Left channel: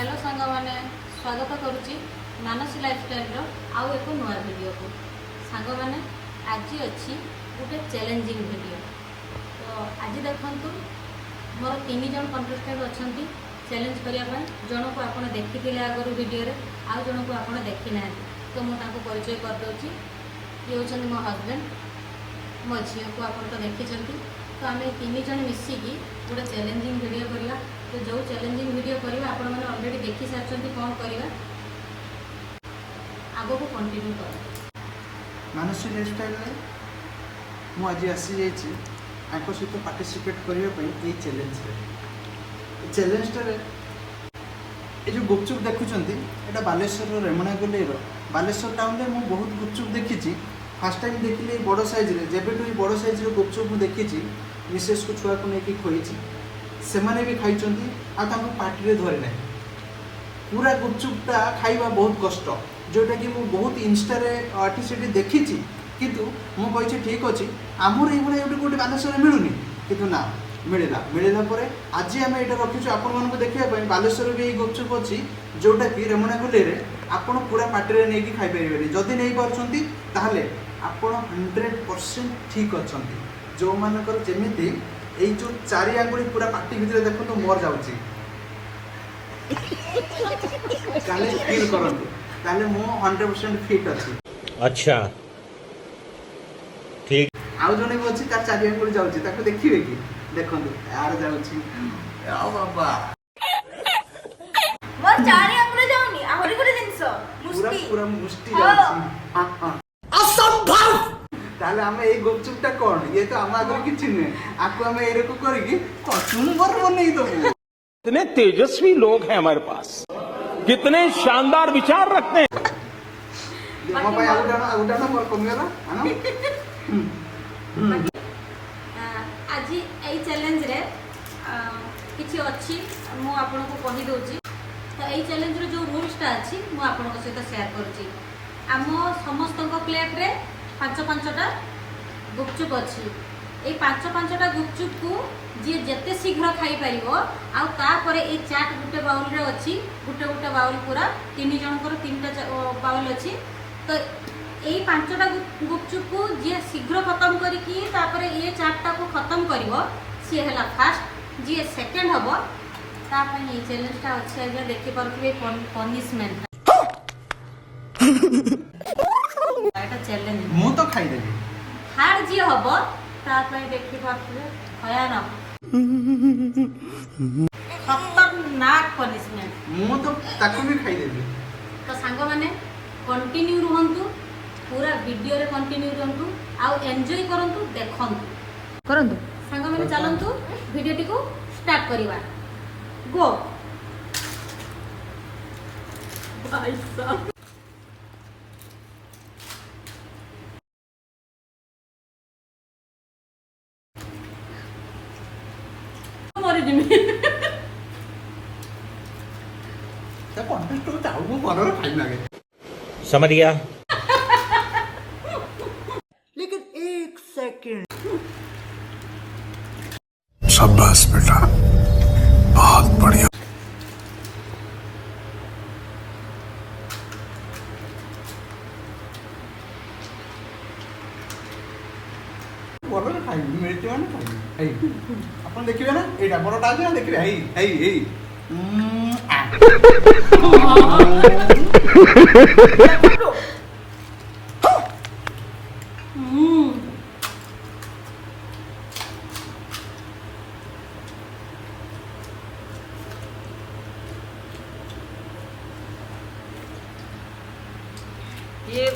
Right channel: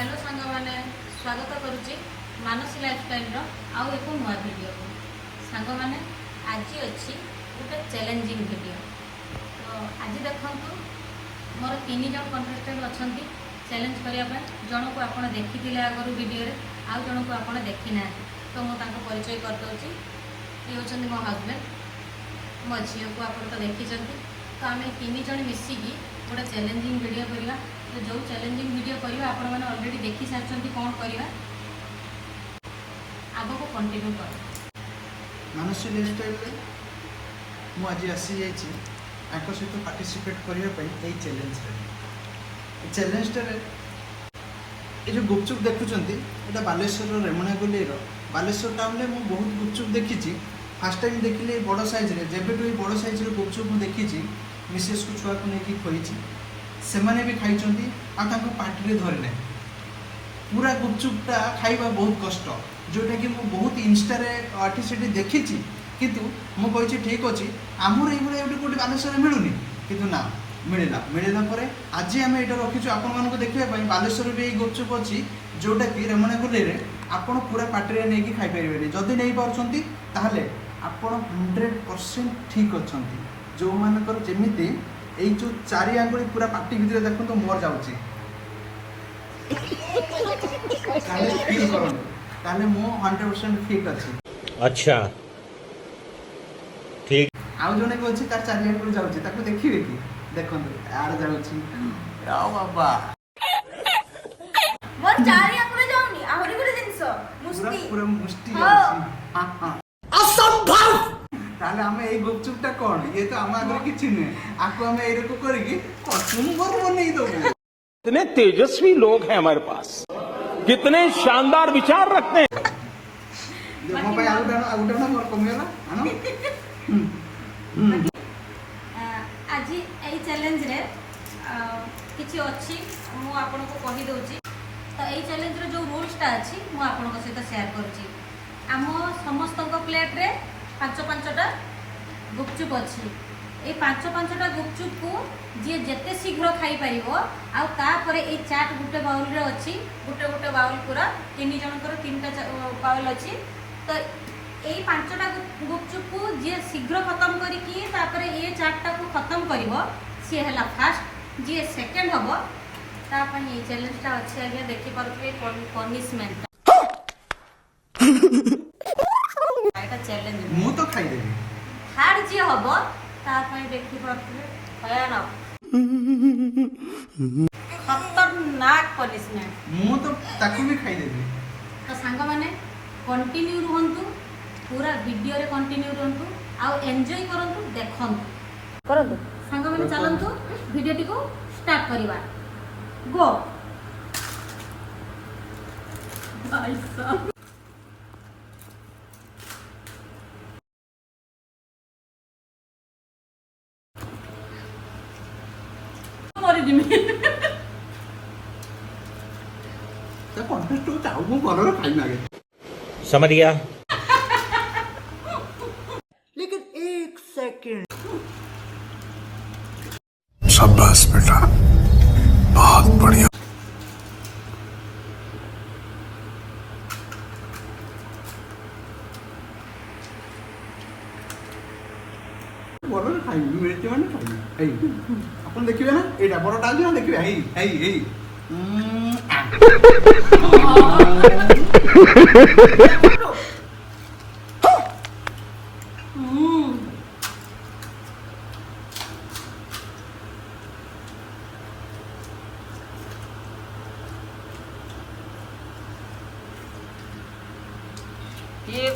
Hello सांग मैंने स्वागत करुच्ची मानस लाइफस्टाइल आउ एक नुआ वीडियो को सांग मैंने आज अच्छी गोटे चैलेंजिंग वीडियो। तो आज देखु मोर 3 जन कंटेस्टेंट अच्छा चैलेंज करने जन को आप देखी आगु वीडियो आउ जन को आप देखी ना तो मुझे परिचय करदे। ये हूँ मो हजबैंड मो झी को आप देखी तो आम 3 जन मिसिकी गोटे चैलेंजिंग वीडियो करवा। तो जो चैलेंजिंग वीडियो करवा आपण मैंने ऑलरेडी देखी सारी कौन करवा आग को कंटिन्यू कर मानसिक लाइफस्टाइल मुझे आसी जाइए सहित पार्टिसिपेट करने चैलेंज ये जो गुपचुप देखुंत यहाँ बालेश्वर रेमुणा गोलेर बालेश्वर टाउन में मुझे बहुत गुपचुप देखी। फास्ट टाइम देखिए बड़ साइज जब बड़ साइज गुपचुप मुझे देखी मिसेस को छुआ को लेकिन खोई से मैंने भी खाई पार्टी धरे ना पूरा गुपचुपटा खाइबा बहुत कष्ट जोटा कि मुझे बहुत इंस्टा देखी किंतु मुझे ठीक अच्छे आमर ये गोटे बालेश्वर मिलूनी किंतु ना मिलला आज आम ये रखीचु आपण देखा बालेश्वर भी गुपचुप अच्छी जोटा कि रेमुणा गोले आप पूरा पार्टी नहीं खाईपर जदि नहीं पार्टी आपण 100% ठीक अच्छा जो मानकर जमीती ये जो 4 आंगुली पूरा पार्टी भितर देखो तो मोर जाऊँगी फील करूँ मु 100% फिट अच्छी। अच्छा ठीक आउ जने भी अच्छी तार 4 आंगुली जाऊँगी ताको देखिए कि देखो यार जाऊँगी बाबा मोर 4 आंगुली जाउनी आहुरी गुटे जिंस पूरा मुष्टि पूरा मुष्टि जाऊँगी हां असंभव ताले हमें ये गुपचुपटा कौन ये तो हम आगे किसी नहीं आपको हमें ये को करेगी कचुम्बर बनेई दो। कितने तेजस्वी लोग हैं हमारे पास, कितने शानदार विचार रखते हैं। हम भाई आउटाना मोर कमेला आनो आज ये चैलेंज रे किछि अछि मु आपन को कहि दोची। तो ये चैलेंज रे जो रूल्सटा अछि मु आपन को सहित शेयर करछि। आम समस्त प्लेट रे 5-5टा गुपचुप अच्छी ये 5-5टा गुपचुप को जी जिते शीघ्र खाई पार ये चाट गोटे बाउल रे अच्छी गोटे गोटे बाउल पूरा 3 जनकर 3टा बाउल अच्छी। तो ये 5टा गुपचुप को जी शीघ्र खत्म करके ये चाटा को खत्म कर सी है फास्ट जी सेकेंड हम ताप ये चैलेंजटा अच्छे आज्ञा देखिपे पनिशमेंट चैलेंज मु तो खाई देबी हार जी हम देखी पारे भयानक खतरनाक पनिशमेंट मु तो ताको भी खाई देबी। तो सांग माने कंटिन्यू रुहंतु पूरा वीडियो रे कंटिन्यू रहंतु आउ एंजॉय करंतु देखंतु सांग माने चलंतु वीडियो टी को स्टार्ट करिवा गो भाई साहब क्या कॉन्टेस्ट को चाहू को कलर फाइन लगे समझ गया। लेकिन 1 सेकंड शाबाश बेटा बहुत बढ़िया। कलर फाइन मिलते माने फाइन एई अपन देखिबे ना एटा बड़टा आज ना देखिबे एई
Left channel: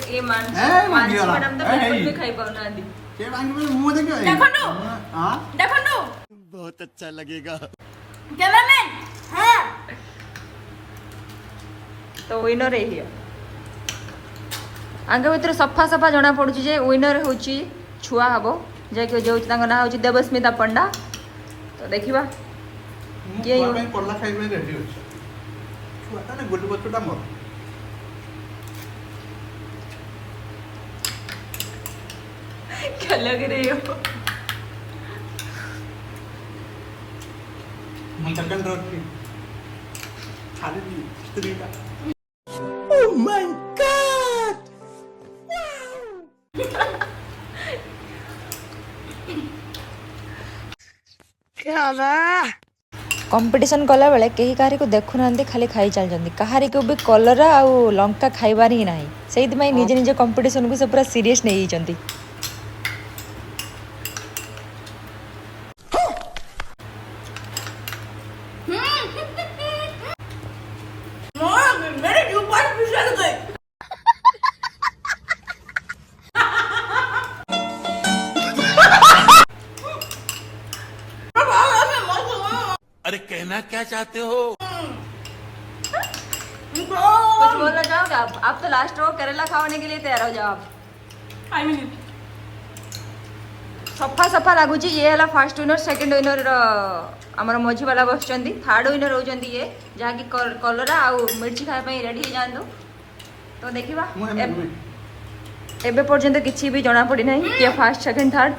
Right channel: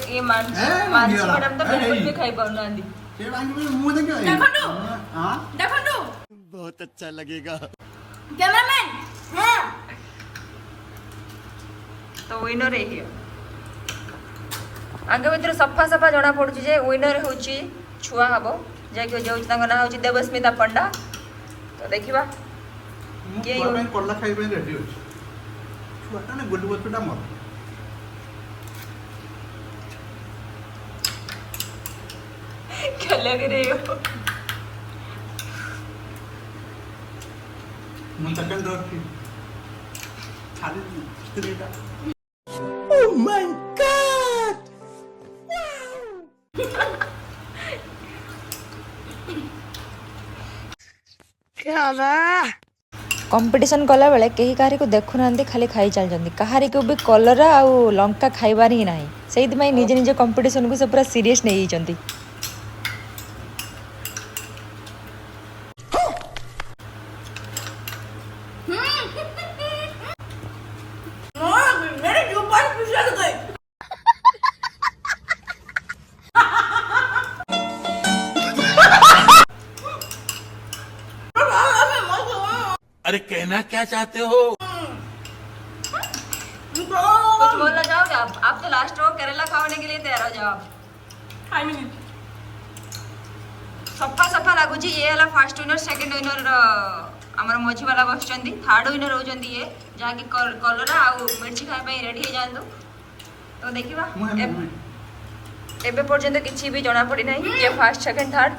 ये मानसी मैडम तो बिल्कुल भी खाई पाउना दी ये बांगी में मुंह देखियो देखो हां देखो बहुत अच्छा लगेगा। कैमरामैन हां तो विनर है आगे भीतर सफा सफा जना पड़ुची जे विनर होची छुआ हबो जे के जो तांग ना होची देवस्मिता पंडा। तो देखिबा ये मैं कोल्ला खाइबे रेडी होची छुआटा ने गोलु बतुटा मोर क्या लग रही हो मन सेकंड रखी ଖାଲି ସ୍ତ୍ରୀଟା कंपटीशन कला बेले कहीं कहारी को देखु ना खाली खाई चलते कहारी को भी कलरा आउ लंका खाइबार ही ना से निज निज कंपटीशन को से पूरा सीरियस नहीं जाती अरे कहना क्या चाहते हो? कुछ बोलना चाहोगे आप तो लास्ट में करेला खाने के लिए तैयार हो जाओ आप सफा सफा लगुच ये है फास्ट विनर सेकंड विनर आमर मझी वाला बसुँच थर्ड विनर होती ये जहाँकि कलरा आउ मिर्ची खाने रेडी हो जातु तो देखा एबे पर्यंत किसी भी जना पड़ी ना किए फास्ट सेकंड थर्ड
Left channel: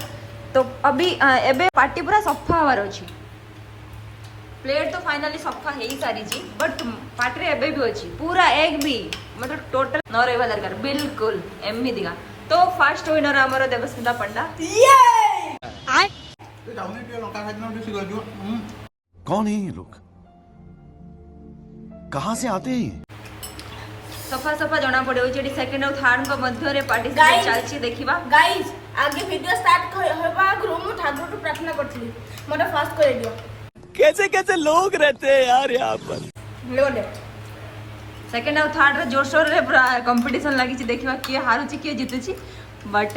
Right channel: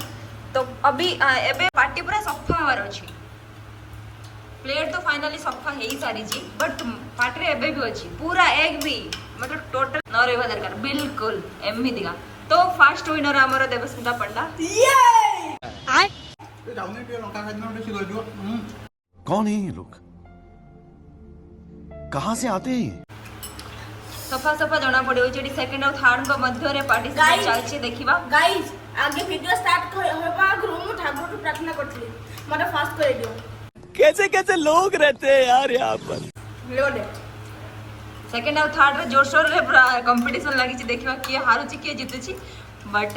तो अभी एबे पार्टी पूरा सफा हमार अच्छी प्लेट तो फाइनली सफा हो ही सारी बट पार्टी एबे भी अच्छी पूरा एक भी मतलब टोटल न रहा दरकार बिल्कुल एमती का तो फास्ट विनर आमर देवस्मिता पंडा कौन है ये लोग? कहाँ से आते हैं? सफा सफा जना पड़े सेकंड और थर्ड का मध्य पार्टिसिपेट चलछि देखिबा गाइस आगे वीडियो स्टार्ट होबा आगु मु ठाकुर को प्रार्थना करथली मते फास्ट कर दियो कैसे कैसे लोग रहते हैं यार यहाँ पर। लोडे सेकंड और थर्ड रे जोर शोर रे पूरा कंपटीशन लागि छि देखिबा किए हारुछि किए जितुछि बट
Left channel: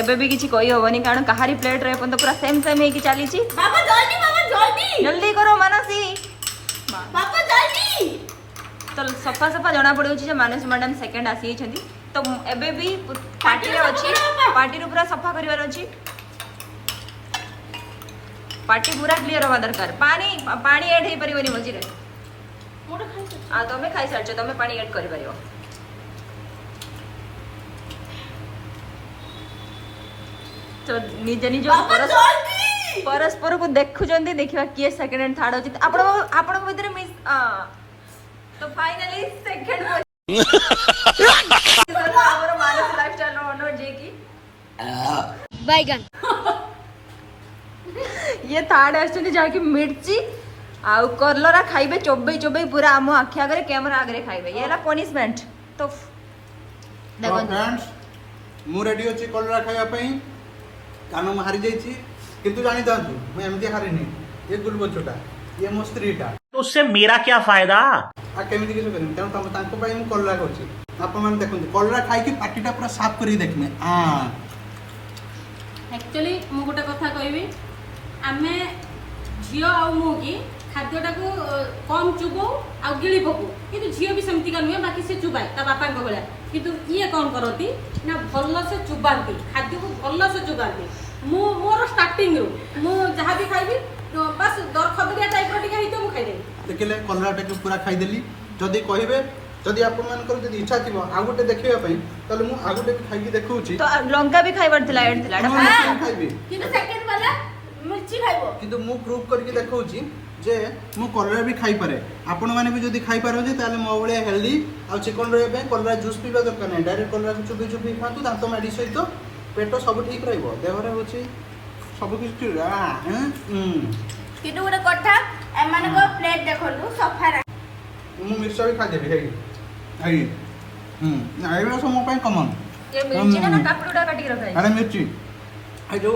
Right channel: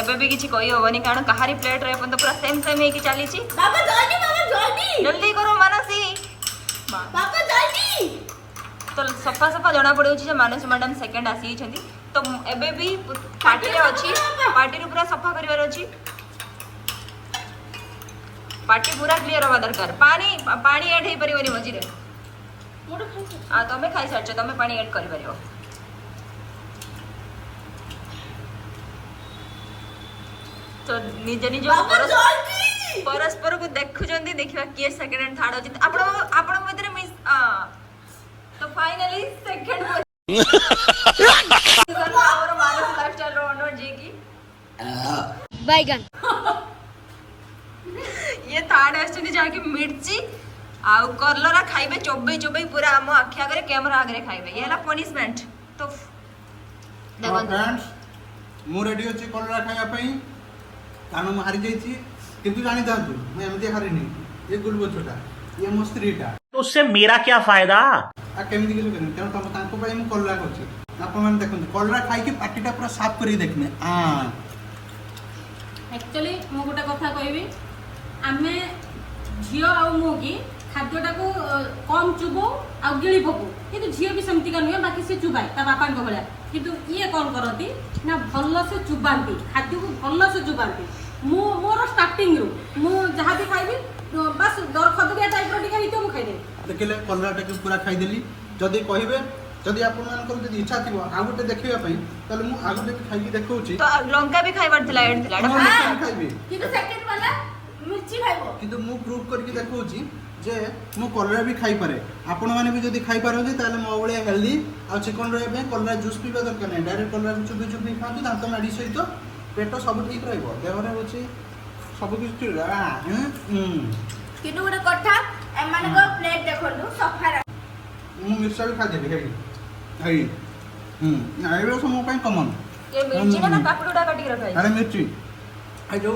एबे भी किछि कहि होबनी कारण कहारी प्लेट रे अपन तो पूरा सेम सेम हेकि चली छि बाबा जल्दी जल्दी करो मानसी बाबा जल्दी तो सफा सफा जना पड़े जे मानसी मैडम सेकंड आसी छथि तो एबे भी पार्टी रे अछि पार्टी रे पूरा सफा करिवार अछि पार्टी पूरा क्लियर हवा दरकार पानी ऐड हो पारिबनी मझी रे आ तमे खाई सारछ तमे पानी ऐड करि परियो तो निज निज परस्पर को देखुचंदी देखिबा किए सेकंड एंड थर्ड होछि आपण भीतर मिस तो फाइनली सेकंड हमर मानस लाइफस्टाइल रो ओनर जे की बैगन ये थर्ड आछथि जाके मिर्ची आउ करलरा खाइबे चोबे चोबे पूरा हम आखि आगे कैमरा आगे खाइबे ये ला पनिशमेंट तो फ्रेंड्स मु रेडी अछि कलरा खाया पई कानो मारि जाई छी किंतु जानि दांतु मैं एमती हारिनी ये गुलबो छोटा ये मो स्त्रीटा तो उससे मेरा क्या फायदा? आ केमिति किछो करिन कारण तम तांको पई मु कलरा करछि आप मन देखंतु कलरा खाई की पार्टीटा पूरा साफ करी देखने एक्चुअली मु गोटे कथा कहबी आमे झियो आ मु की खाद्यटा को कम चुबो आ गिली पकू किंतु झियो भी सेमती का नुहे बाकी से चुबाए ता बापा को भला किंतु ये कौन करती ना भल से चुबाती खाद्य को भल से चुबाती मोर स्टार्टिंग रु मु जहाँ भी खाइबी बस दर खदरिया टाइप रो टिका हितो मु खाइ देबी देखले कलराटा के पूरा खाई देली जदी कहिबे जदी आपन मानकर जदी इच्छा थिबो आ गोटे देखिबा पई तले मु आ गोटे खाई देखौची तो लंका भी खाइबार थिला एड थिला खाइबी किंतु सेकंड वाला मिर्ची खाइबो किंतु मु प्रूव करके देखौची जे मु कलरा भी खाई पारे आपण माने भी जदी खाई पारथि ताले मो बळे हेल्दी आ चिकन रे पे कलरा जूस पीबा दरकार नै डायरेक्ट कलरा को चुबी चुबी खातु दांत माडी सहित पेट सब ठीक रहइबो देहरा होची सब किछ किंतु गोटे कथा एमान को प्लेट देखलु सफा मु मिर्चा भी खा देबी हेई ना एबे सब मो पई कॉमन ये मिर्ची ना कापड़ुडा काटी रखाई अरे मिर्ची आ जो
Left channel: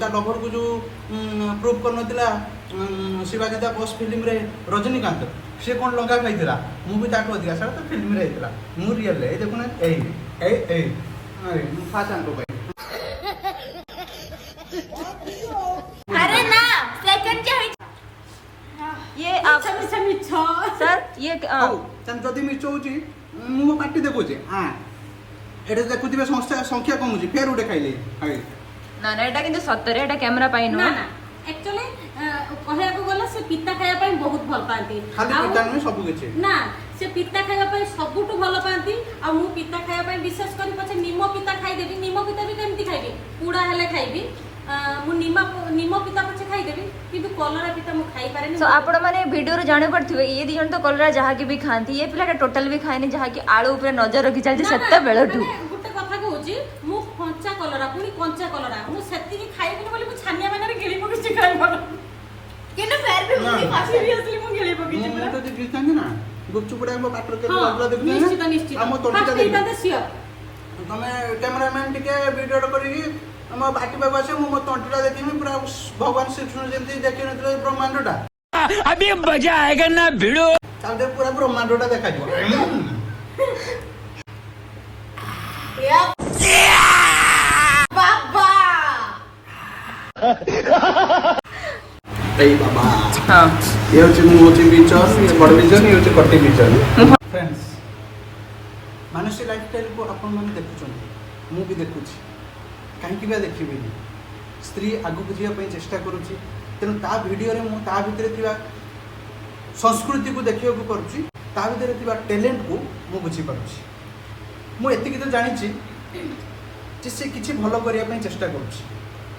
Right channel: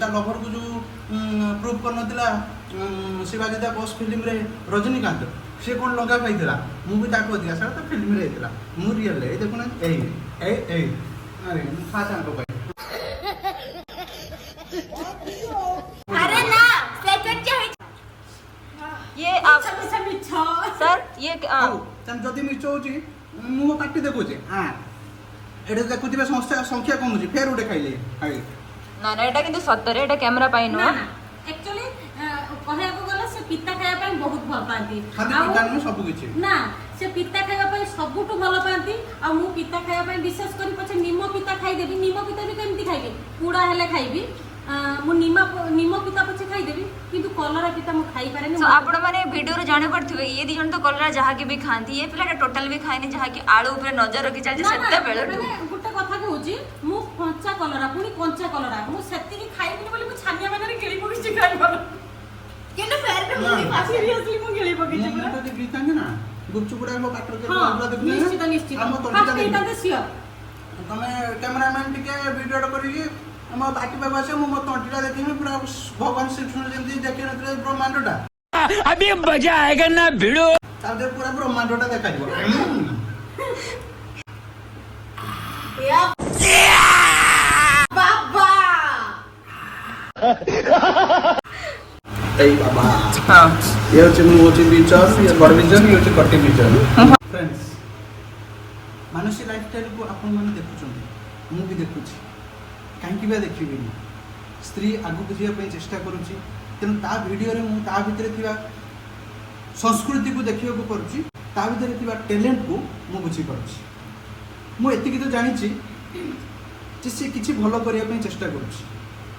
ता लवर को जो प्रूव कर नथिला शिवाजी दा बॉस फिल्म रे रजनीकांत से कोन लंका खाइथिला मु भी ताको दिया सर तो फिल्म रे आइथिला मु रियल रे देखो ना ए अरे मु खा चांको भाई अरे ना सेकंड के ये आप सर ये तन जदी मिर्च होची मु पार्टी देखोची हां एडे देखुथिबे संख्या कम होची फेर उडे खाइले हाय ना ना एटा किंतु सत्तर एटा कैमरा पाई नो ना ना एक्चुअली कहया को गला से पिता खाया ପାଇଁ बहुत भल पाती खाली पिता में सब किछि ना से पिता खाया ପାଇଁ सबुटु भल पाती आ मु पिता खाया ପାଇଁ विशेष करी पछे निमो पिता खाई देबी निमो पिता भी केमती खाइबी पूड़ा हेले खाइबी ମୁଁ ନିମ ପିତା ପଛେ ଖାଇଦେବି କିନ୍ତୁ କଲରା ପିତା ମୁଁ ଖାଇପାରେନି। तो आपण माने वीडियो रे जाने पड़थिबे ये दी जण तो कलरा जहा की भी खांती ये पिलाटा टोटल भी खाइनी जहा की आळू ऊपर नजर रखी चलजे सेते बेलटू ମାନେ ଗୋଟେ କଥା କହୁଛି ମୁଁ କଞ୍ଚା କଲରା ପୁଣି କଞ୍ଚା କଲରା ମୁଁ ସେତିକି ଖାଇବିନି ବୋଲି ମୁଁ ଛାନିଆ ବାନାରେ ଗିଳି ପକେଇଛି ଖାଇବାର। କିନ୍ତୁ ଫେର ବି ମୁଁ ସିରିୟସଲି ମୁଁ ଗିଳି ପକେଇଛି ମୁଁ ପୁରା। ତ ଦେଖିଥାନ୍ତି ନା ଗୁପଚୁପ ଗୁଡା ମୋ ପାଟରେ କେତେ ହଁ, ଅଲଗା ନିଶ୍ଚିତ ଦେଖୁଛନ୍ତି ନିଶ୍ଚିତ ଆମ ତଣ୍ଟିଟା ଫାଷ୍ଟ ଦେଖି ଏଇଟା ସିଓର। ତମେ କ୍ୟାମେରାମ୍ୟାନ୍ ଟିକେ ଭିଡ଼ିଓ କରିକି ଆମ ବାଟି ପାଖକୁ ଆସିବ ମୁଁ ମୋ ତଣ୍ଟିଟା ଦେଖିବି ପୁରା ଭଗବାନ ଶ୍ରୀକୃଷ୍ଣ ଯେମିତି ଦେଖିନଥିଲେ ବ୍ରହ୍ମାଣ୍ଡଟା अभी मजा आएगा ना भिड़ो। ତାପରେ ପୁରା ବ୍ରହ୍ମାଣ୍ଡଟା ଦେଖାଯିବ। ବାବା ଏଇ ବାବା हां ये हচ্ছে ମୁଁ ହଉଛି ବିଚନ୍ ये ବଡ଼ ବିଚନ୍ ये ହଉଛି କଟି ବିଚନ୍। ଫ୍ରେଣ୍ଡସ୍ ମାନସି ଲାଇଫଷ୍ଟାଇଲକୁ ଆପଣମାନେ ଦେଖୁଛନ୍ତି ମୁଁ ବି ଦେଖୁଛି କାହିଁକି ବା ଦେଖିବିନି। ସ୍ତ୍ରୀ ଆଗକୁ ଯିବା ପାଇଁ ଚେଷ୍ଟା କରୁଛି ତେଣୁ ତା ଭିଡ଼ିଓରେ ମୁଁ ତା ଭିତରେ ଥିବା ସଂସ୍କୃତିକୁ ଦେଖିବାକୁ ପାରୁଛି ତା ଭିତରେ ଥିବା ଟ୍ୟାଲେଣ୍ଟକୁ ମୁଁ ବୁଝିପାରୁଛି। ମୁଁ ଏତିକି ତ ଜାଣିଛି ଯେ ସେ କିଛି ଭଲ କରିବା ପାଇଁ ଚେଷ୍ଟା କରୁଛି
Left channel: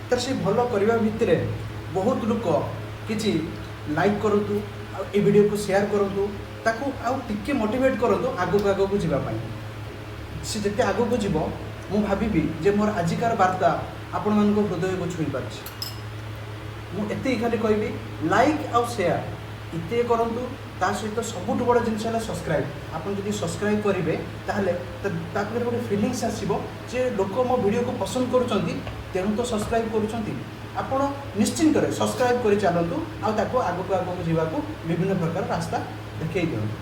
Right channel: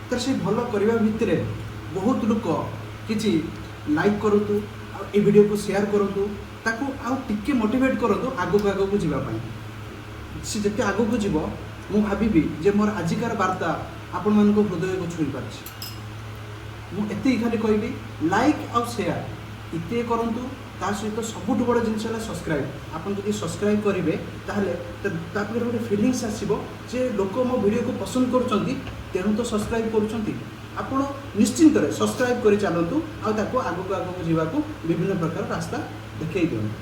ତ ସେ ଭଲ କରିବା ଭିତରେ ବହୁତ ଲୋକ କିଛି ଲାଇକ୍ କରନ୍ତୁ ଆଉ ଏ ଭିଡ଼ିଓକୁ ସେୟାର କରନ୍ତୁ ତାକୁ ଆଉ ଟିକେ ମୋଟିଭେଟ୍ କରନ୍ତୁ ଆଗକୁ ଯିବା ପାଇଁ। ସେ ଯେତେ ଆଗକୁ ଯିବ ମୁଁ ଭାବିବି ଯେ ମୋର ଆଜିକାର ବାର୍ତ୍ତା ଆପଣମାନଙ୍କ ହୃଦୟକୁ ଛୁଇଁ ପାରୁଛି। ମୁଁ ଏତିକି ଖାଲି କହିବି ଲାଇକ୍ ଆଉ ସେୟାର ଏତିକି କରନ୍ତୁ ତା ସହିତ ସବୁଠୁ ବଡ଼ ଜିନିଷ ହେଲା ସବସ୍କ୍ରାଇବ୍। ଆପଣ ଯଦି ସବସ୍କ୍ରାଇବ୍ କରିବେ ତାହେଲେ ତା ପାଖରେ ଗୋଟେ ଫିଲିଙ୍ଗସ୍ ଆସିବ ଯେ ଲୋକ ମୋ ଭିଡ଼ିଓକୁ ପସନ୍ଦ କରୁଛନ୍ତି ତେଣୁ ତ ସବସ୍କ୍ରାଇବ୍ କରୁଛନ୍ତି। ଆପଣ ନିଶ୍ଚିନ୍ତରେ ସବସ୍କ୍ରାଇବ୍ କରି ଚାଲନ୍ତୁ ଆଉ ତାକୁ ଆଗକୁ ଯିବାକୁ ବିଭିନ୍ନ ପ୍ରକାର ରାସ୍ତା ଦେଖେଇ ଦିଅନ୍ତୁ।